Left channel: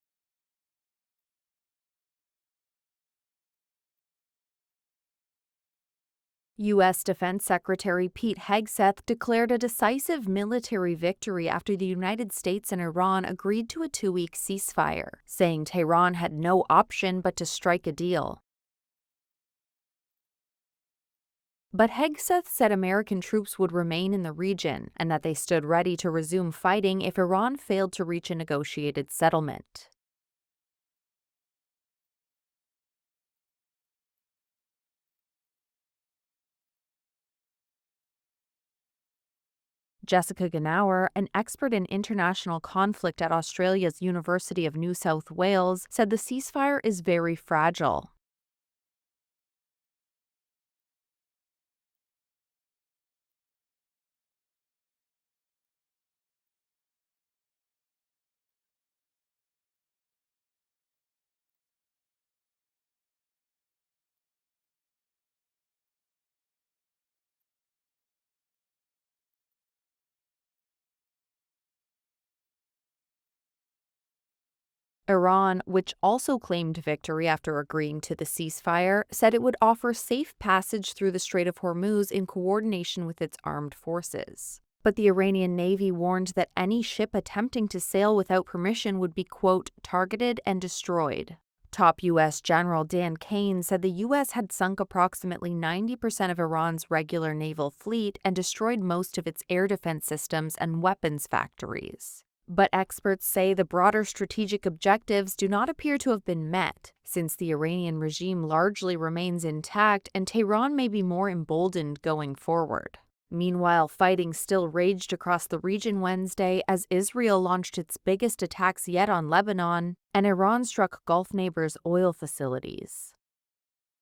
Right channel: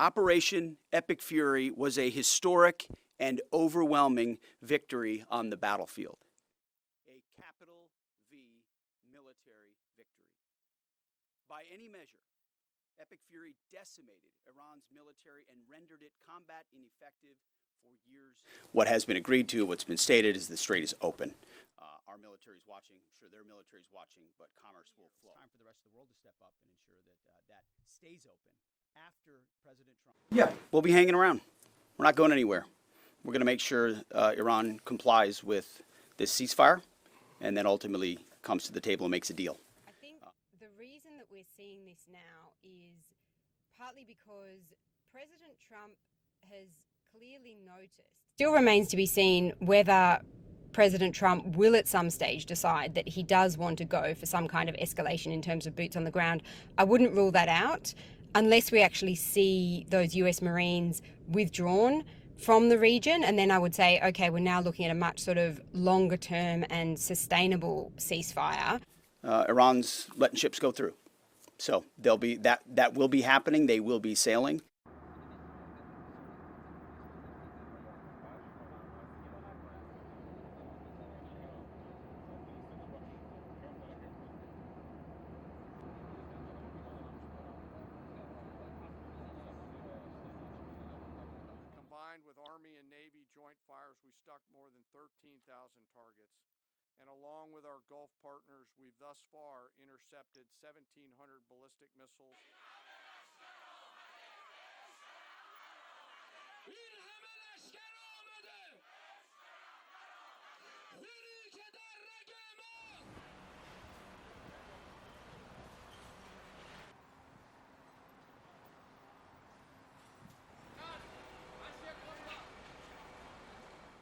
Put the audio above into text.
Operation Epic Fury was a historic and overwhelming victory on the battlefield. U.S. Defense Secretary Pete Hegseth declared a decisive military victory after the United States and Iran agreed to a 2-week ceasefire, saying Tehran had no option but to strike a deal. What has been agreed to, what's been stated, is the strait is open. But Hegseth said American troops would remain in the region and that they stood ready to resume fighting if Iran failed to reach a negotiated settlement. Yeah, we'll be hanging around. We're not going anywhere. We're going to make sure Iran complies with this ceasefire and then ultimately comes to the table and makes a deal. Jessica Gnauer, an expert in international conflict at Australia's University of New South Wales, said the ceasefire is very fragile. Still remains to be seen whether President Trump will at some stage decide that he does want to go for some kind of escalation in terms of boots on the ground. I wouldn't rule that out unless we actually see those US Marines withdrawn from the region, and then I would say, okay, we're now looking at a much sort of longer term and sustainable ceasefire. Iran's letting ships go through. So they'll be that will be happening. They will be sailing. Iran, which also claimed victory after agreeing to the ceasefire, said it would offer safe passage through the Strait of Hormuz in coordination with its armed forces. But the Iranian Navy warned that any ship attempting to sail without permission would be, quote, targeted and destroyed. Top U.S. General Dan Kane said the U.S. had sunk approximately 90% of Iran's regular naval fleet and destroyed most of its air defense systems and weapons factories. But experts say the broader strategic objectives do not appear to have been met, since the Iranian regime largely remains intact and Tehran may be more emboldened going forward. Meanwhile, fighting still raged across the region Wednesday as Israel launched its biggest attacks yet on Lebanon, and Iran struck Gulf neighbors' oil facilities.